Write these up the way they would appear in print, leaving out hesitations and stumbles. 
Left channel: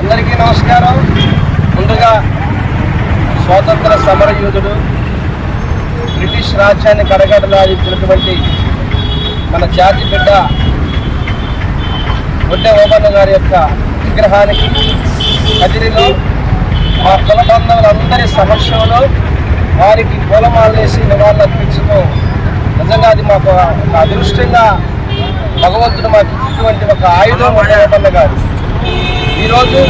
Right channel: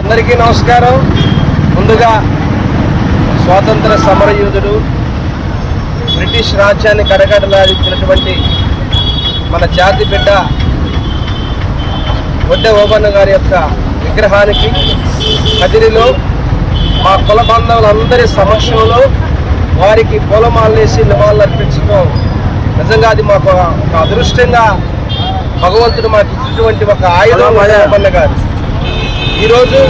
అందరికీ నమస్కారం. ముందుగా స్వాతంత్ర సమరయోధుడు, బ్రిటిష్ రాజ్యాన్ని కడగడలాడించినటువంటి మన జాతి బిడ్డ వడ్డే ఓబన్న గారి యొక్క విగ్రహానికి కదిరిలో మా కుల బంధువులందరి సమక్షంలో వారికి పూలమాలేసి నివాళులు అర్పించడం నిజంగా అది మాకు ఒక అదృష్టంగా భగవంతుడు మాకు ఇచ్చినటువంటి ఒక ఆయుధం వడ్డే ఓబన్న గారు. ఈరోజు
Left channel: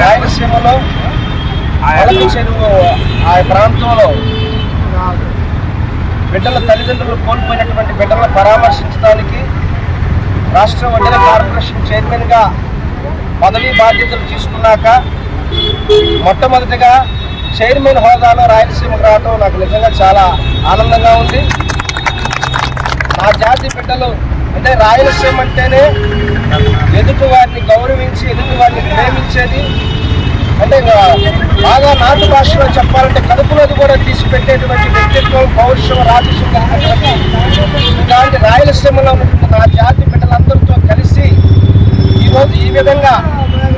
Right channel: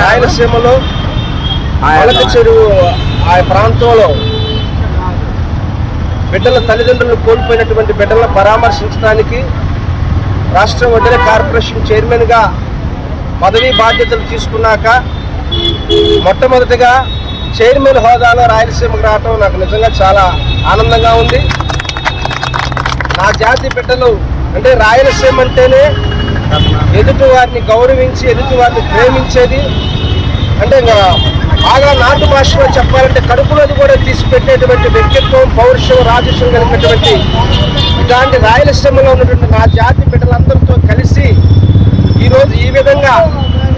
రాయలసీమలో మలక చెరువు ఆ ప్రాంతంలో బిడ్డల తల్లిదండ్రులు కోల్పోయినటువంటి బిడ్డలను పరామర్శించడానికి రాష్ట్ర వడ్డెర కార్పొరేషన్ చైర్మన్గా పదవీ బాధ్యతలు తీసుకున్నాక మొట్టమొదటిగా చైర్మన్ హోదాలో రాయలసీమకు రావటం నాకు నిజంగా చాలా ఆనందంగా ఉంది. నా జాతి బిడ్డలు అంటే రాయలసీమ అంటేనే ఎదుటి వారిని గౌరవించి ఎదుటి వారిని ప్రేమించేది, అంటే బాగా నాటు భాషలో చెప్పాలంటే కడుపులోది కూడా తీసి పెట్టేటువంటి వ్యక్తిత్వం, పౌరుషం, రాజస్యం కలిగినటువంటి ఇలాంటి రాయలసీమలో ఉన్నటువంటి నా జాతి బిడ్డలందరితో కలిసి ఈరోజు ఈ విధంగా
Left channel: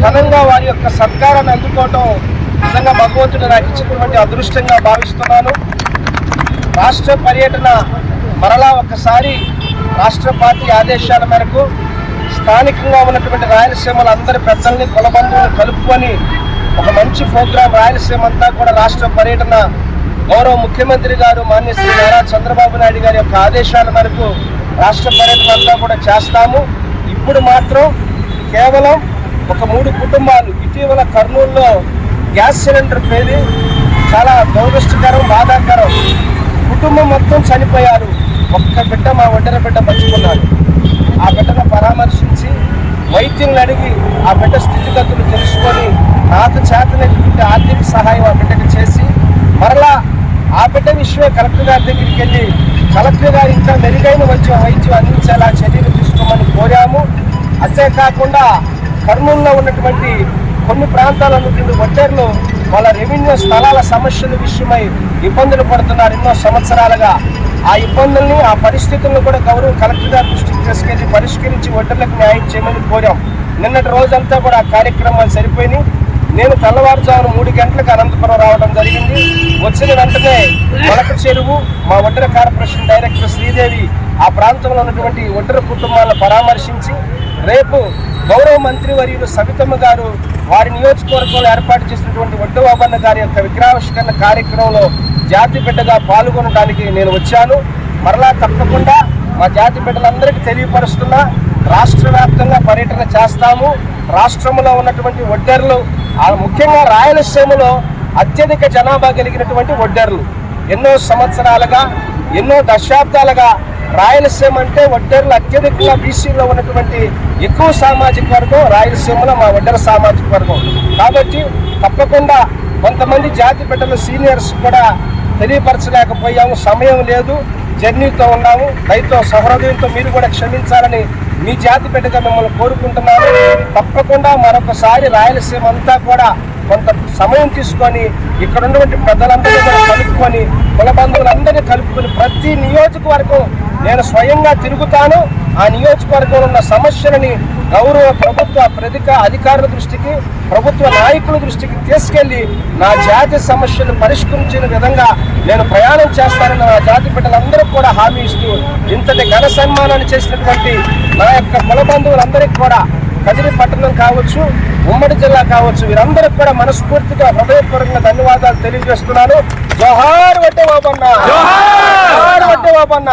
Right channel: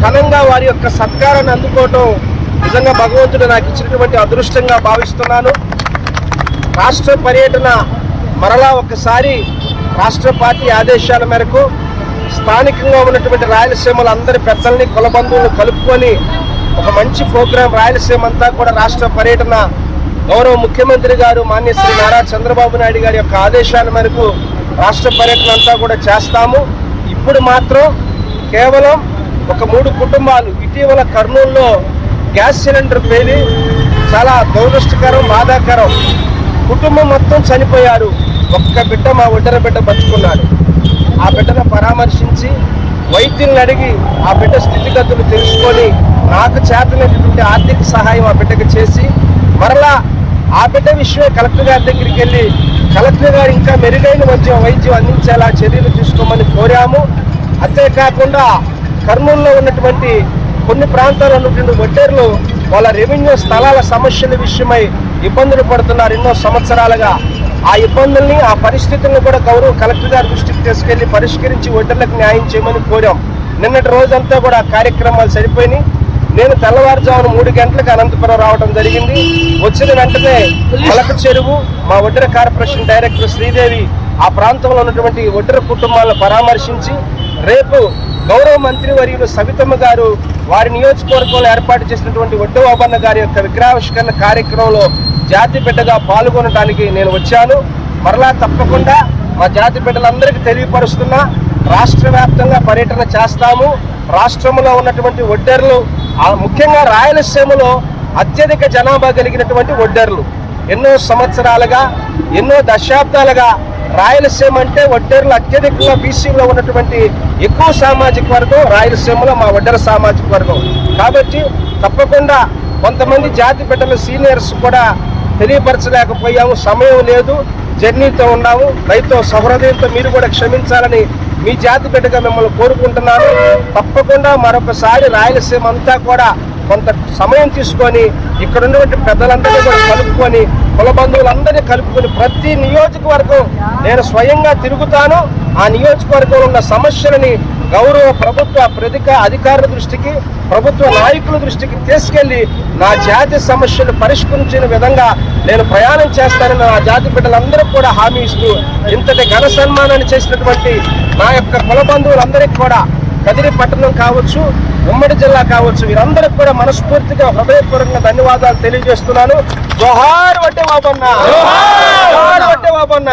ఘనంగా వారి యొక్క సత్కారాన్ని అందుకోవటం నిజంగా భగవంతుడు నాకు ఇచ్చినటువంటి అదృష్టంగా భావిస్తున్నాను. రాష్ట్ర పర్యటన మరలా ఒక్కసారి రాష్ట్ర పార్టీ ఆదేశాల మేరకు స్థానికంగా ఉన్నటువంటి రాయలసీమలో అందరి పెద్దల్ని కుల బంధువులను కలుపుకొని ఒక మంచి ప్రోగ్రాం రాయలసీమ అంతా కూడా రాష్ట్ర పర్యటన గౌరవ ముఖ్యమంత్రి గారు మాన్య శ్రీ నారా చంద్రబాబు నాయుడు గారి యొక్క ఆదేశాల మేరకు రాష్ట్ర పర్యటన అంతా కూడా చేస్తాము. ఇప్పుడు మాత్రం కేవలం ఒక 3 కుటుంబాలు ఇటీవల కర్నూలులో గ్యాస్ సిలిండర్ పేలి చాలా దురదృష్టకరం, బాధాకరం. కుటుంబం మొత్తం చనిపోయారు. ఒక్క బిడ్డ మా ఒడ్డెర బిడ్డ బతుకున్నాడు. ఆ బిడ్డను పరామర్శించి వైద్యులను అడిగి ఆ బిడ్డ స్థితిగతులు తెలుసుకొని నాకు చేతనటువంటి ఆర్థిక సహాయం ఆ బిడ్డకు చేసి మరలా ఆ బిడ్డ విషయమే కలెక్టర్ గారి దగ్గరికి వెళ్ళి కలెక్టర్ గారు ఇంకా మెరుగైన వైద్యం అందించేలా చర్యలు తీసుకోమని కోరాము. అంతేకాకుండా కర్నూలులో ఉన్నటువంటి కొన్ని ప్రాంతాల్లో ఉన్నటువంటి వడ్డేర్లు వాళ్ళ రెవెన్యూ స్థలాల సమస్యల విషయమై ఇబ్బందులు పడుతున్నారు ఎన్నో సంవత్సరాలుగా. ఆ ఇబ్బందుల్ని, ఆ పరిస్థితులను కూడా గౌరవ కలెక్టర్ గారి దృష్టికి తీసుకెళ్లి పరిష్కరించి వడ్డర్లకు న్యాయం చేయమని కోరాం. నిన్నటి రోజంతా కూడా కార్యక్రమాలు సరిపోయినాయి. నేను తెల్లవారుజామున 3 గంటలకు అనంతపురం రావడం జరిగింది. వచ్చిన వెంటనే మలక చెరువు మా వడ్డెర కార్పొరేషన్ డైరెక్టర్ శ్రీదేవి ఆ ప్రాంతంలో ఉన్నటువంటి వడ్డెర కుటుంబాలను పరామర్శించి రేపు గౌరవ మంత్రి వర్యులు సవితమ్మ గారు వారి నియోజకవర్గంలో ఏర్పాటు చేసినటువంటి వడ్డే ఓబన్న గారి యొక్క విగ్రహావిష్కరణ కార్యక్రమంలో జాతి బిడ్డగా పాల్గొనడానికి నేను వచ్చాను. మరలా తప్పకుండా మా జాతి బిడ్డలందరికీ తెలియపరుస్తున్నా, రాష్ట్ర వ్యాప్తంగా పర్యటన చేస్తాము. రాష్ట్రంలో ఉన్నటువంటి వడ్డెర్లు, ముఖ్యంగా రాయలసీమలో అత్యధిక జనాభా కలిగినటువంటి వడ్డెర్లు ఎన్నో సంవత్సరాలుగా, ఎన్నో దశాబ్దాలుగా రాయలసీమ అంటే వడ్డెర్లు అత్యధికంగా బీసీలో ఉన్నటువంటి ఎక్కువ సామాజిక వర్గం రాయలసీమలో మా వడ్డెర సామాజిక వర్గం. కాబట్టి తప్పకుండా కొంతమంది జాతి బిడ్డల సీనియర్స్ కూడా తెలియపరచలేకపోయాము, సమయం లేదు, జర్నీతో ఉన్నాము. రైతు సహృదయంతో మీరు కూడా క్షమించాలని మీ జాతి బిడ్డగా మిమ్మల్ని కోరుకుంటున్నాను. తప్పకుండా మరొకసారి రాయలసీమ అంతా కూడా కొంత సమయం తీసుకొని ఇక్కడ ఉన్నటువంటి పెద్దలందరినీ కూడా కలుపుకొని, కుల బంధువులందరినీ కలుపుకొని ప్రతి నియోజకవర్గం నేను స్వయంగా తిరుగుతాను. ఆ నియోజకవర్గంలో ఉన్న సమస్యలని గౌరవ ప్రభుత్వ అధికారుల దృష్టికి, ప్రభుత్వ నాయకుల దృష్టికి తీసుకెళ్లి నా జాతి సమస్యలు పరిష్కరించిన విధంగా నేను ప్రయాణం చేస్తానని నా జాతి బిడ్డలందరూ కూడా హామీ ఇస్తూ, ఇంతటి ఘన సన్మానాన్ని చేసినటువంటి నా యొక్క కుల బంధువులందరికీ కూడా కదిరి పట్టణం కావచ్చు, ఉమ్మడి జిల్లా కావచ్చు, వీరందరికీ కూడా మనస్ఫూర్తిగా హృదయపూర్వకంగా ధన్యవాదాలు తెలియజేస్తున్నాను. జోహార్ వడ్డే బాబన్న, జోహార్ వడ్డే బాబన్న.